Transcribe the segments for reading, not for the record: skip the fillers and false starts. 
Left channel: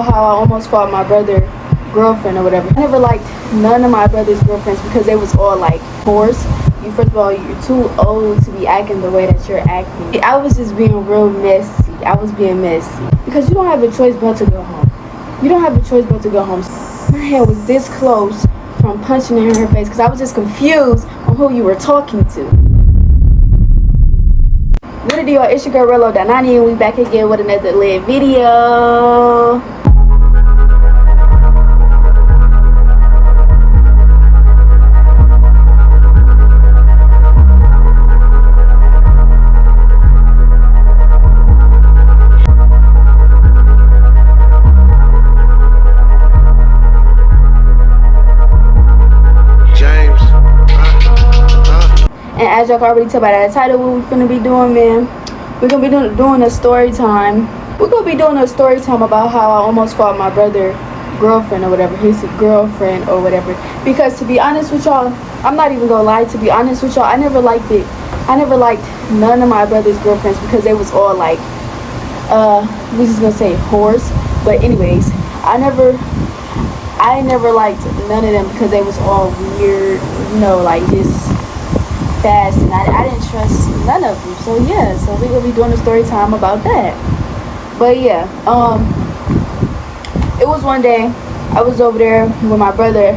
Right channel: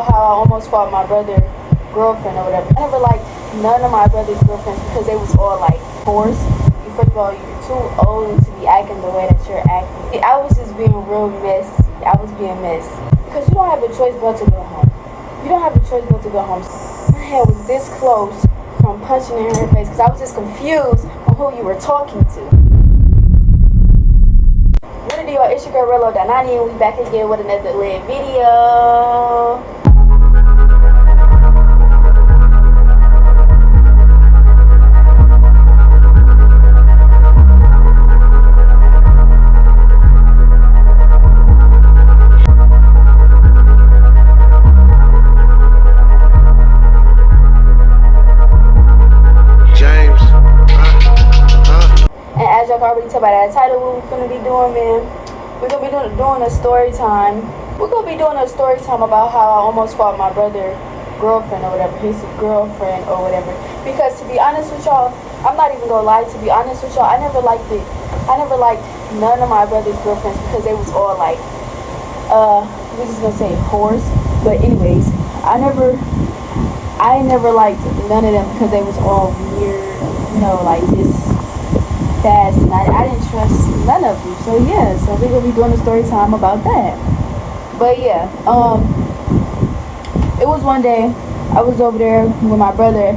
How I almost fought my brother girlfriend or whatever. I never liked none of my brother's girlfriends because they was all like forced. You first of all, you're too old to be acting the way that you're acting. I was just being real messy. I was being messy because you don't have a choice but to go home. You don't have a choice but to go home. My head was this close from punching her in her face because I was just confused on who you were talking to. What it do, y'all? It's your girl Rello.90 and we back again with another lit video. As y'all can already tell by that title, what we're finna be doing, man, we're gonna be doing a story time. We're gonna be doing a story time about how I almost fought my brother girlfriend or whatever, his girlfriend or whatever. Because to be honest with y'all, I'm not even gonna lie, to be honest with y'all, I never liked it. I never liked none of my brother's girlfriends because they was all like, we just gonna say whores. But anyways, I never liked none of them because they was all weird, you know, like just fast, and I didn't trust none of them. So yeah, so we're gonna be doing a story time about that. But yeah, it was one day I was over there with my brother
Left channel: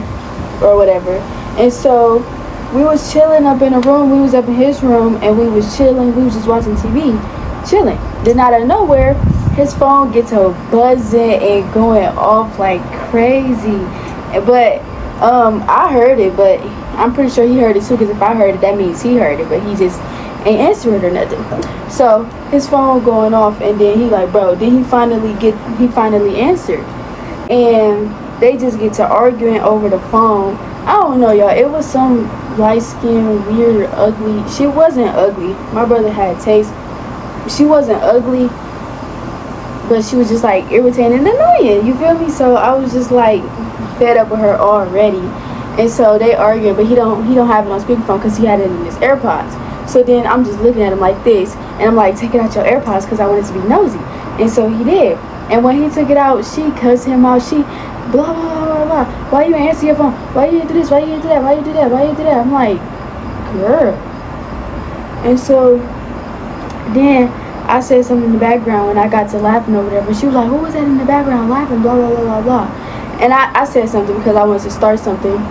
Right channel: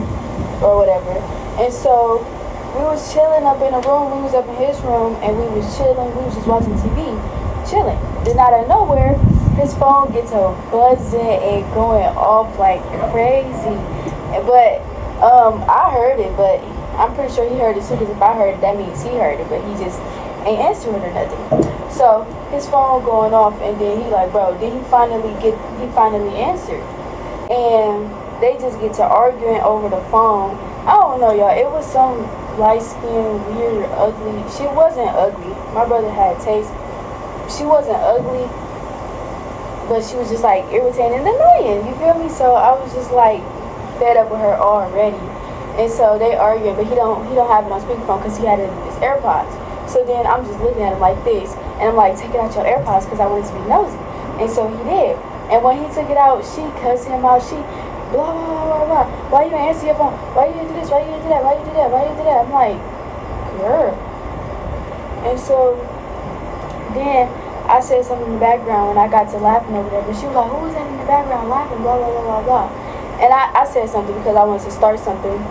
or whatever, and so we was chilling up in a room. We was up in his room and we was chilling. We was just watching TV, chilling. Then out of nowhere, his phone gets a buzzing and going off like crazy. But I heard it, but I'm pretty sure he heard it too, because if I heard it, that means he heard it, but he just ain't answering or nothing. So his phone going off, and then he like, bro, then he finally answered, and they just get to arguing over the phone. I don't know, y'all. It was some light-skinned, weird, ugly. She wasn't ugly. My brother had taste. She wasn't ugly, but she was just like irritating and annoying. You feel me? So I was just like fed up with her already. And so they arguing, but he don't have it on speakerphone because he had it in his AirPods. So then I'm just looking at him like this, and I'm like, take it out your AirPods because I wanted to be nosy. And so he did. And when he took it out, she cussed him out. She blah blah blah blah blah. Why you answer your phone? Why you do this? Why you do that? Why you do that? Why you do that? I'm like, girl. And so then I said something in the background, and I got to laughing over there. But she was like, who was that in the background laughing? Blah blah blah blah blah. And I said something because I wanted to start something.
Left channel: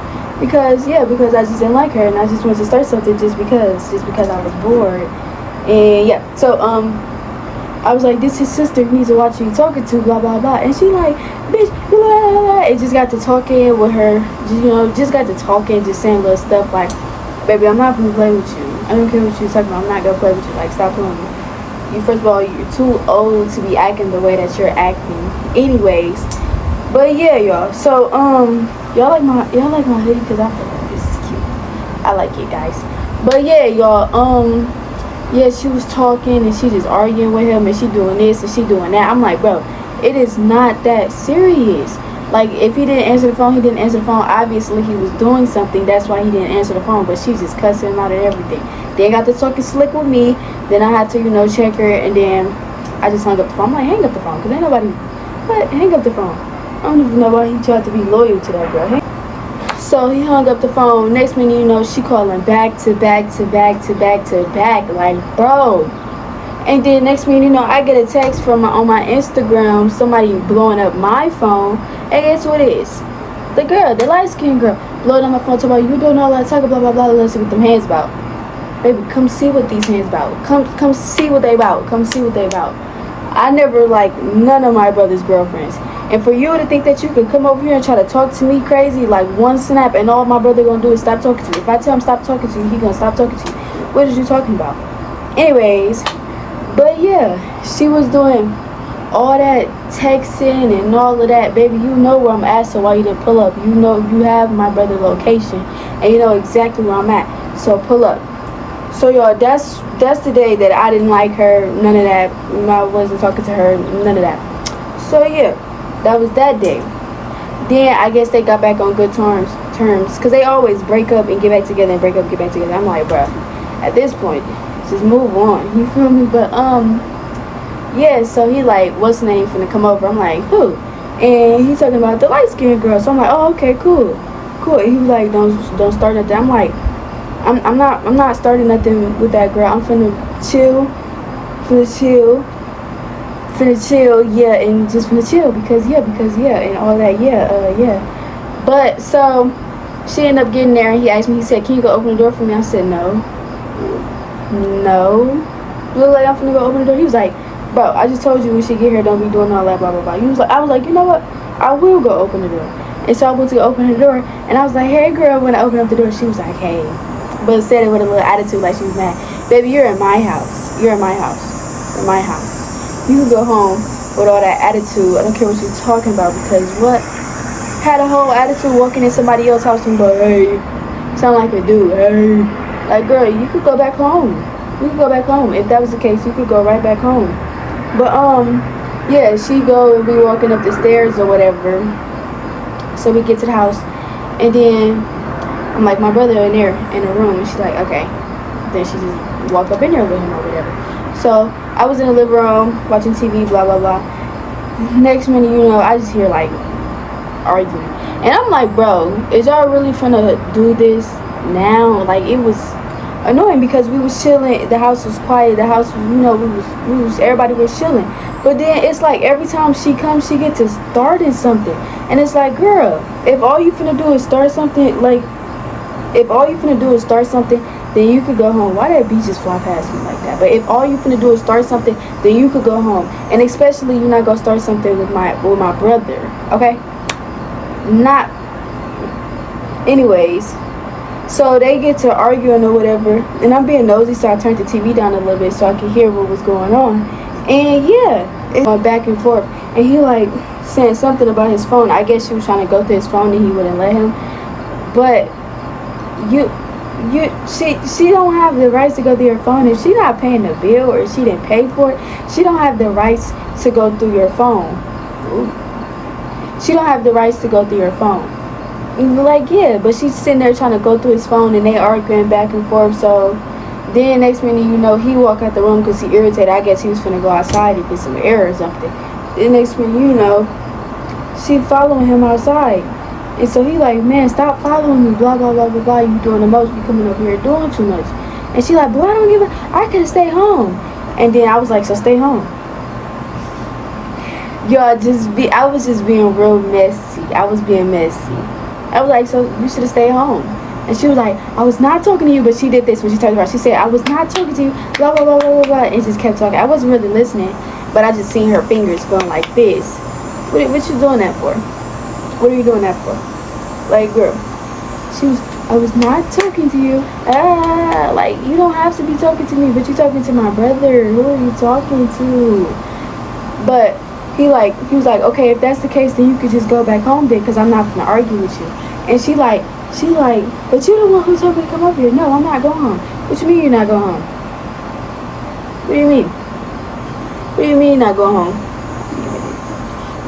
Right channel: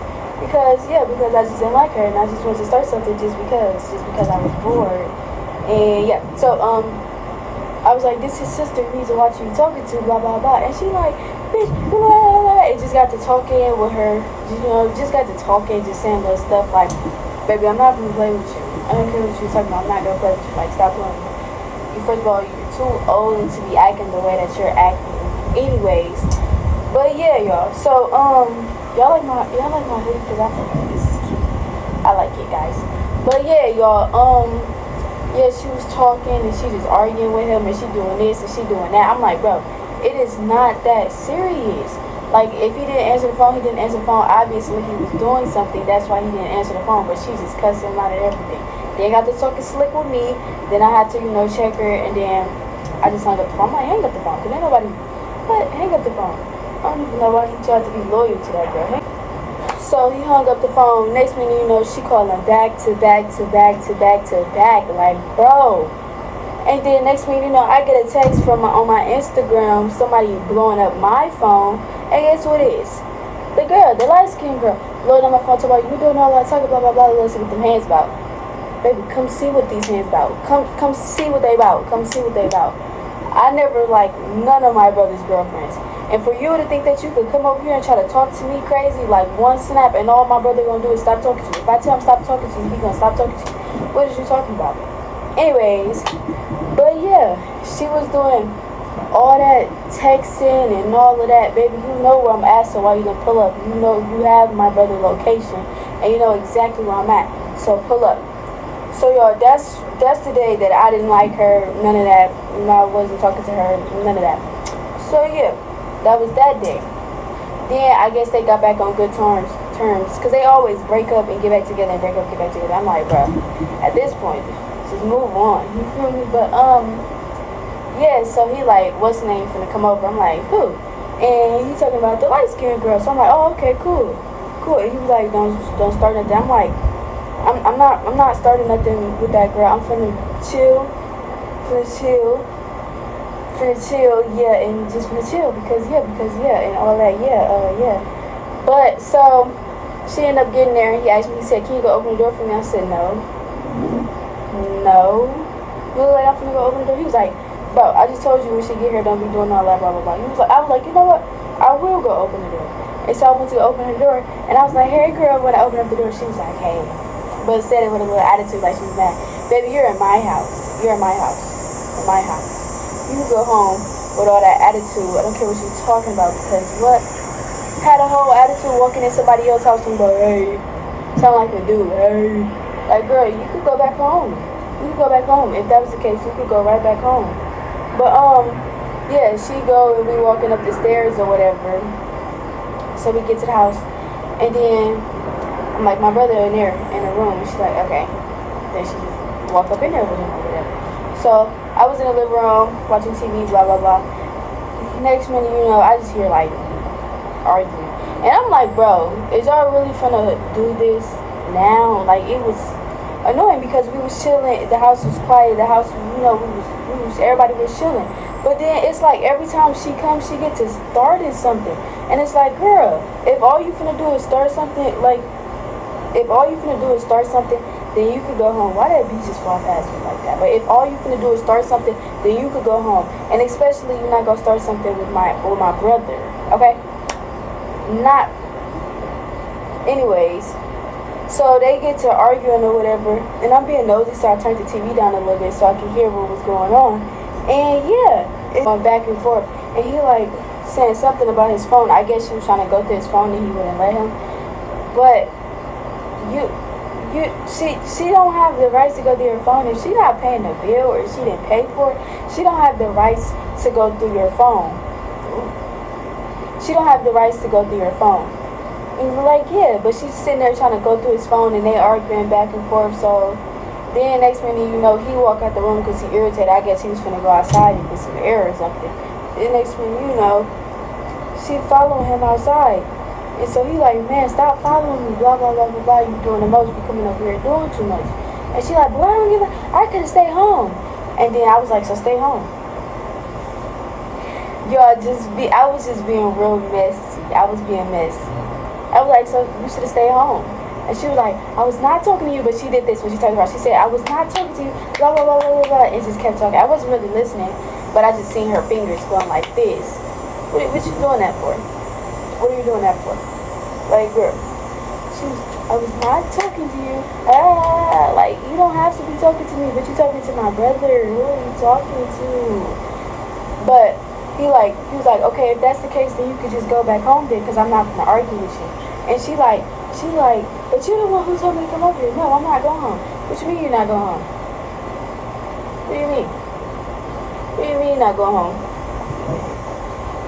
Because I just didn't like her, and I just wanted to start something just because I was bored. And yeah, so I was like, this his sister, he needs to watch who you talking to, blah blah blah. And she like, bitch, blah blah blah. It just got to talking with her, just got to talking, just saying little stuff like, baby, I'm not gonna play with you. I don't care what you're talking about. I'm not gonna play with you. Like, stop playing with me. You, first of all, you're too old to be acting the way that you're acting. Anyways, but yeah, y'all. So y'all like my hoodie because I feel like this is cute. I like it, guys. But yeah, y'all. Yeah, she was talking and she just arguing with him, and she doing this and she doing that. I'm like, bro, it is not that serious. Like, if he didn't answer the phone, he didn't answer the phone. Obviously, he was doing something. That's why he didn't answer the phone. But she just cussed him out and everything. Then got to talking slick with me. Then I had to, check her, and then I just hung up the phone. I'm like, hang up the phone, because ain't nobody. But hang up the phone. I don't even know why he tried to be loyal to that girl. So he hung up the phone. Next minute, she calling back to back to back to back to back. Like, bro. And then next minute, I get a text from on my Instagram, somebody blowing up my phone. And guess what it is? The girl, the light-skinned girl, blowing up my phone, talking about, you doing all that talking, blah, blah, blah, let's see what them hands about. Baby, come see what these hands about. Come see what they about. Come see what they about. I never liked none of my brother's girlfriends. And for you to think that you could come over here and try to talk to me crazy, like one snap, and all my brother gonna do is stop talking to you. If I tell him stop talking to you, he gonna stop talking to you. What is you talking about? Anyways, but yeah, she was doing all that texting and all of that. Baby, you know where I'm at, so why you didn't pull up? You know you have my brother's location, and you know exactly where I'm at, so pull up. So y'all, that's the day that I didn't like her, none of that. I wasn't talking to her, none of that. So yeah, that was that day. Then I guess they got back on good terms, because they always break up and get back together and break up and get back together. I'm like, bro, at this point, just move on. You feel me? But yeah, so he like, what's the name finna come over? I'm like, who? And he's talking about the light-skinned girl. So I'm like, oh, okay, cool. And he was like, don't start nothing. I'm like, I'm not starting nothing with that girl. I'm finna chill, yeah, and just finna chill because yeah, and all that, yeah. But so she ended up getting there, and he asked me. He said, "Can you go open the door for me?" I said, "No." You look like I'm finna go open the door. He was like, "Bro, I just told you when she get here, don't be doing all that, blah blah blah." I was like, you know what? I will go open the door. And so I went to go open the door, and I was like, "Hey, girl." When I opened up the door, she was like, "Hey," but said it with a little attitude, like she was mad. Baby, you're in my house. You're in my house. You're in my house. You can go home with all that attitude. I don't care what you're talking about, because what? Had a whole attitude walking in somebody else's house and go, "Hey," sound like a dude. "Hey," like, girl, you could go back home. You could go back home. If that was the case, you could go right back home. But yeah, she go and we walking up the stairs or whatever. So we get to the house, and then I'm like, my brother in there in the room, and she's like, okay. Then she just walk up in there with him or whatever. So I was in the living room watching TV, blah blah blah. Next minute, you know, I just hear like arguing, and I'm like, bro, is y'all really finna do this now? Like, it was annoying because we was chilling. The house was quiet. The house, you know, we was everybody was chilling. But then it's like every time she comes, she gets to starting something, and it's like, girl, if all you finna do is start something, then you could go home. Why that bee just fly past me like that? But if all you finna do is start something, then you could go home. And especially you're not gonna start something with my brother, okay? Not. Anyways, so they get to arguing or whatever, and I'm being nosy, so I turned the TV down a little bit so I could hear what was going on. And yeah, it's going back and forth. And he like saying something about his phone. I guess she was trying to go through his phone and he wouldn't let him. But she don't have the rights to go through your phone. If she not paying the bill or she didn't pay for it, she don't have the rights to go through your phone. She don't have the rights to go through your phone. Like, yeah, but she's sitting there trying to go through his phone and they arguing back and forth. So then next minute, you know, he walk out the room because he irritated. I guess he was finna go outside and get some air or something. Then next minute, you know, she following him outside. And so he like, man, stop following me, blah, blah, blah, blah, blah. You doing the most. You coming over here doing too much. And she like, boy, I don't give a, I could have stayed home. And then I was like, so stay home. Y'all, I was just being real messy. I was being messy. I was like, so you should have stayed home. And she was like, I was not talking to you, but she did this when she talked about it. She said, I was not talking to you, blah, blah, blah, blah, blah, blah, and just kept talking. I wasn't really listening, but I just seen her fingers going like this. What you doing that for? What are you doing that for? Like, girl, I was not talking to you. Like, you don't have to be talking to me, but you talking to my brother. Who are you talking to? But he was like, okay, if that's the case, then you could just go back home then, because I'm not gonna argue with you. And she like, but you're the one who told me to come up here. No, I'm not going home. What you mean you're not going home? What do you mean? What do you mean you're not going home?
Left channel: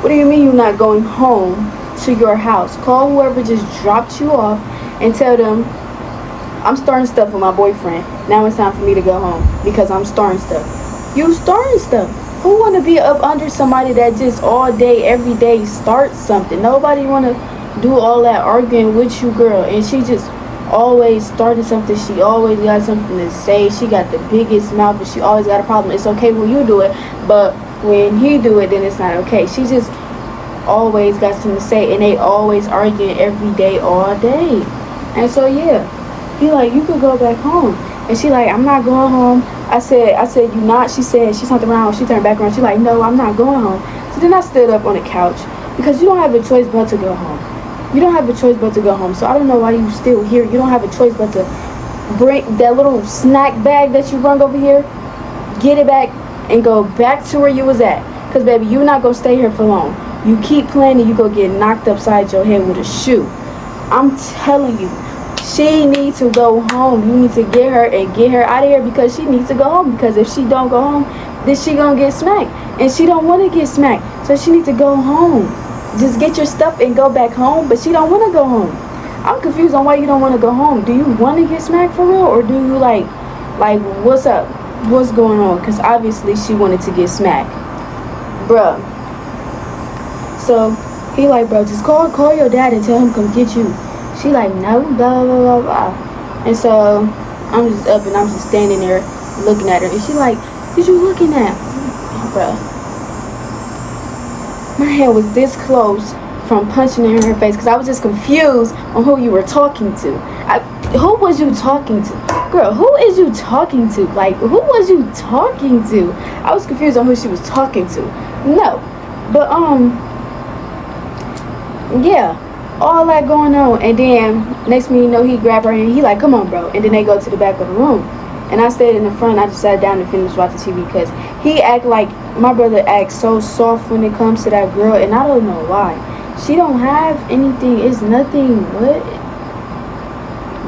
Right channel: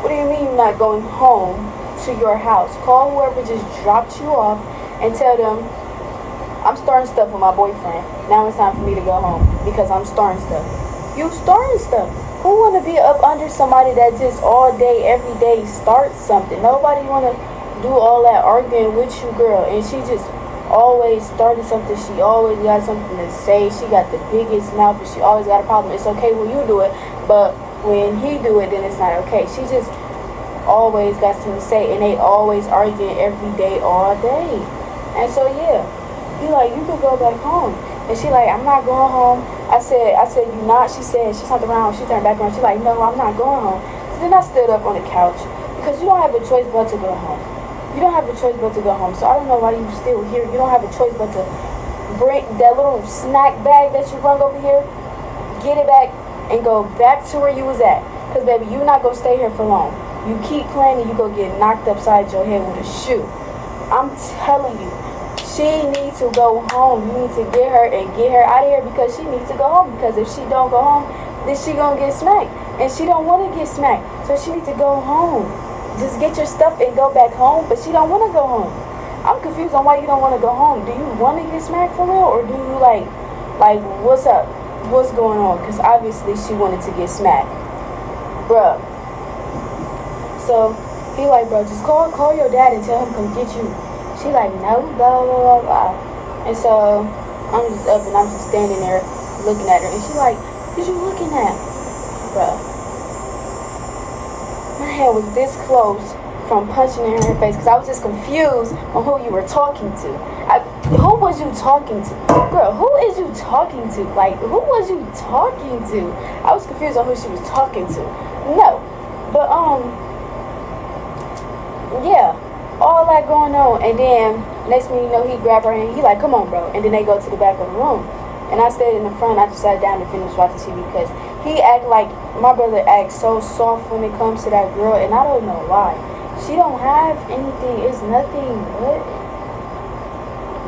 What do you mean you're not going home to your house? Call whoever just dropped you off and tell them, I'm starting stuff with my boyfriend. Now it's time for me to go home because I'm starting stuff. You starting stuff. Who want to be up under somebody that just all day, every day starts something? Nobody want to do all that arguing with you, girl. And she just always starting something. She always got something to say. She got the biggest mouth and she always got a problem. It's okay when you do it, but when he do it, then it's not okay. She just always got something to say, and they always arguing every day, all day. And so yeah, he like, you could go back home. And she like, I'm not going home. I said, you not? She said, she turned around. She turned back around. She like, no, I'm not going home. So then I stood up on the couch because you don't have a choice but to go home. You don't have a choice but to go home. So I don't know why you still here. You don't have a choice but to bring that little snack bag that you brung over here, get it back, and go back to where you was at. Because, baby, you're not going to stay here for long. You keep playing and you go get knocked upside your head with a shoe. I'm telling you, she needs to go home. You need to get her out of here because she needs to go home. Because if she don't go home, then she going to get smacked. And she don't want to get smacked. So she needs to go home. Just get your stuff and go back home. But she don't want to go home. I'm confused on why you don't want to go home. Do you want to get smacked for real? Or do you like what's up? What's going on? Because obviously she wanted to get smacked. Bruh. So he like, bro, just call your dad and tell him come get you. She like, no, blah, blah, blah, blah. And so I'm just up and I'm just standing there looking at her. And she like, what you looking at? Bro, my head was this close from punching her in her face because I was just confused on who you were talking to. Who was you talking to? Girl, who is you talking to? Like, who was you talking to? I was confused on who she was talking to. No. But, yeah. All that going on. And then, next thing you know, he grabbed her and he like, come on, bro. And then they go to the back of the room. And I stayed in the front. I just sat down and finished watching TV because he act like, my brother acts so soft when it comes to that girl. And I don't know why. She don't have anything. It's nothing.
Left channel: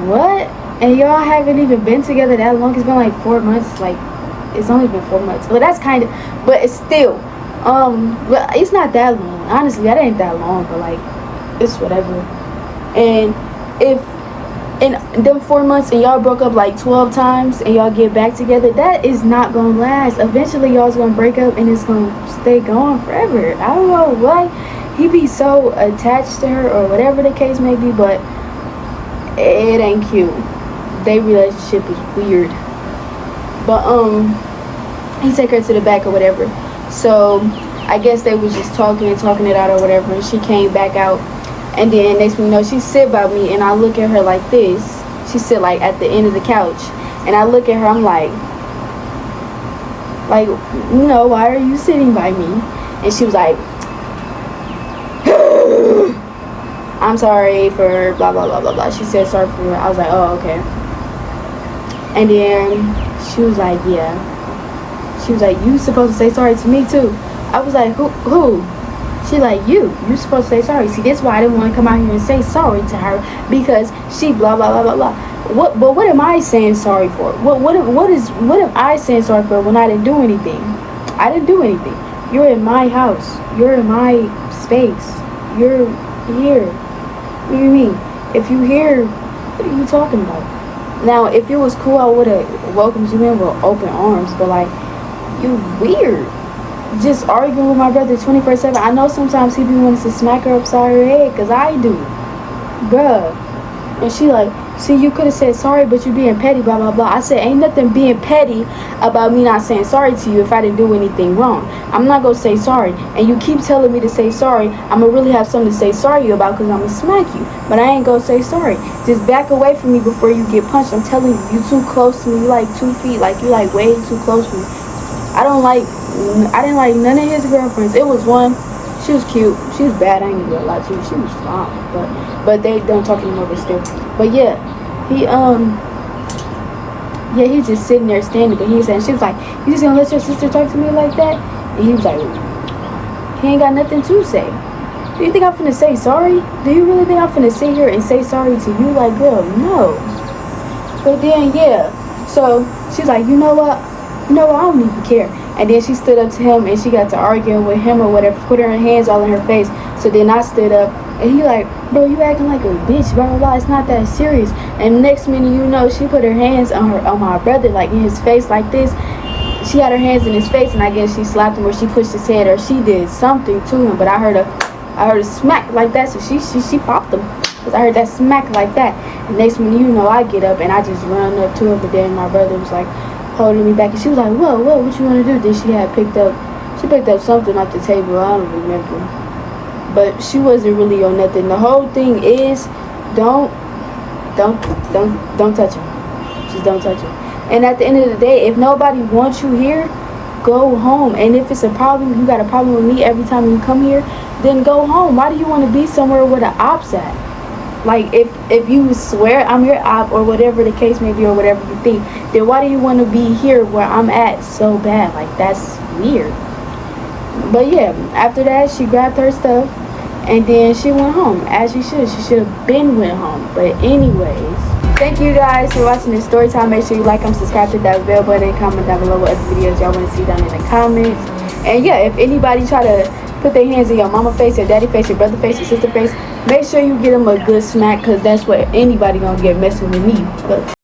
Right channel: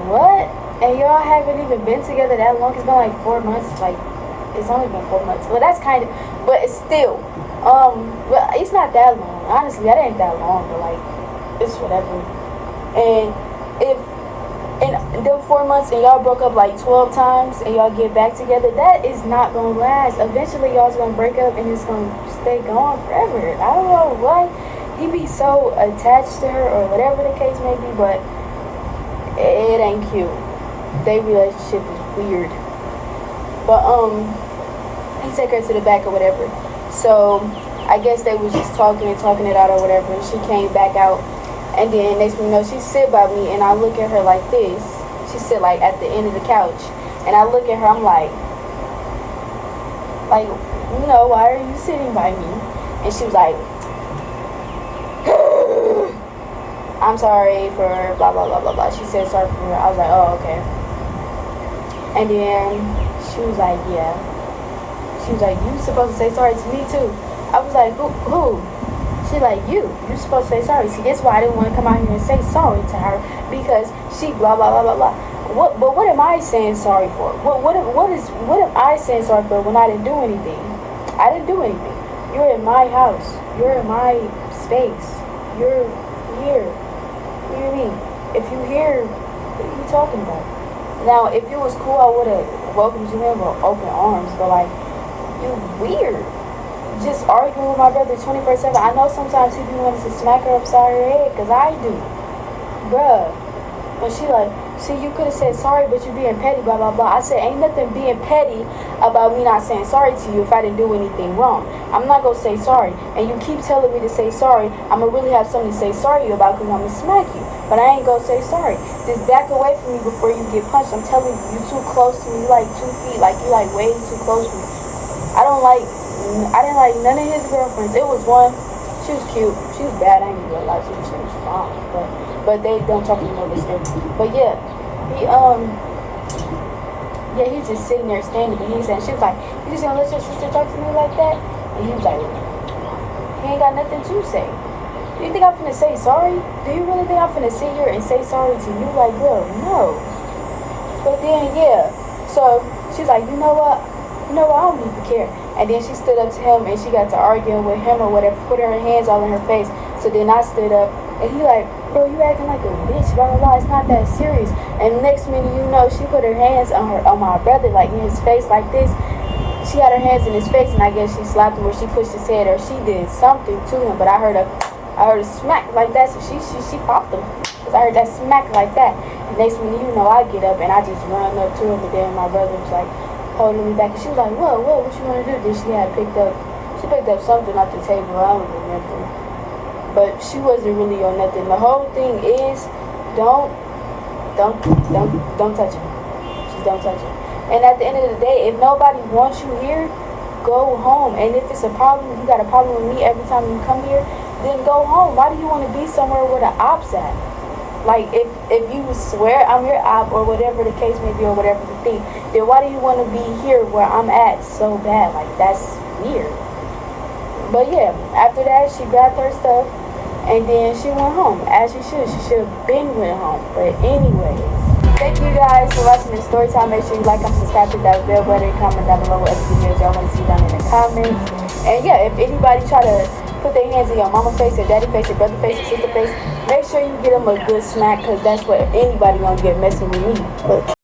What? And y'all haven't even been together that long. It's been like 4 months. Like, it's only been 4 months. But that's kind of, but it's still, well, it's not that long. Honestly, that ain't that long. But like, it's whatever. And if in them 4 months and y'all broke up like 12 times and y'all get back together, that is not gonna last. Eventually, y'all's gonna break up and it's gonna stay going forever. I don't know why he be so attached to her or whatever the case may be, but it ain't cute. Their relationship is weird. But he take her to the back or whatever. So I guess they was just talking it out or whatever, and she came back out. And then next thing you know, she sit by me and I look at her like this. She sit like at the end of the couch. And I look at her, I'm like, you know, why are you sitting by me? And she was like, I'm sorry for blah, blah, blah, blah, blah. She said sorry for her. I was like, oh, okay. And then she was like, yeah. She was like, you supposed to say sorry to me too. I was like, who? She like, you supposed to say sorry. See, that's why I didn't want to come out here and say sorry to her, because she blah, blah, blah, blah, blah. But what am I saying sorry for? What am I saying sorry for when I didn't do anything? I didn't do anything. You're in my house. You're in my space. You're here. What do you mean? If you here, what are you talking about? Now, if it was cool, I would have welcomed you in with open arms. But like, you weird. Just arguing with my brother 24/7. I know sometimes he be wanting to smack her upside her head, because I do. Bruh. And she like, see, you could have said sorry, but you being petty, blah, blah, blah. I said, ain't nothing being petty about me not saying sorry to you if I didn't do anything wrong. I'm not going to say sorry. And you keep telling me to say sorry. I'm going to really have something to say sorry about, because I'm going to smack you. But I ain't going to say sorry. Just back away from me before you get punched. I'm telling you, you too close to me. You like 2 feet. Like, you like way too close to me. I didn't like none of his girlfriends. It was one. She was cute. She was bad. I ain't gonna do a lot to you. She was fine. But they don't talk anymore, but still. But yeah, he's just sitting there standing, but he's saying, she was like, you just gonna let your sister talk to me like that? And he was like, he ain't got nothing to say. Do you think I'm finna say sorry? Do you really think I'm finna sit here and say sorry to you? Like, girl, no. But then, yeah. So she's like, you know what, I don't even care. And then she stood up to him and she got to arguing with him or whatever, put her hands all in her face. So then I stood up and he like, bro, you acting like a bitch, blah, blah, blah. It's not that serious. And next minute, you know, she put her hands on my brother, like in his face like this. She had her hands in his face, and I guess she slapped him or she pushed his head or she did something to him. But I heard a smack like that. So she popped him, because I heard that smack like that. And next minute, you know, I get up and I just run up to her. But then my brother was like holding me back, and she was like, whoa, what you want to do? Then she picked up something off the table. I don't remember, but she wasn't really on nothing. The whole thing is, don't touch him. Just don't touch him. And at the end of the day, if nobody wants you here, go home. And if it's a problem, you got a problem with me every time you come here, then go home. Why do you want to be somewhere where the ops at? Like, if you swear I'm your op or whatever the case may be or whatever you think, then why do you want to be here where I'm at so bad? Like, that's weird. But yeah, after that, she grabbed her stuff and then she went home, as she should. She should have been went home. But anyways, thank you guys for watching this story time. Make sure you like, subscribe, hit that bell button, comment down below what other videos y'all want to see down in the comments. And yeah, if anybody try to put their hands in your mama face, your daddy face, your brother face, your sister face, make sure you get them a good smack, because that's what anybody gonna get messing with me. But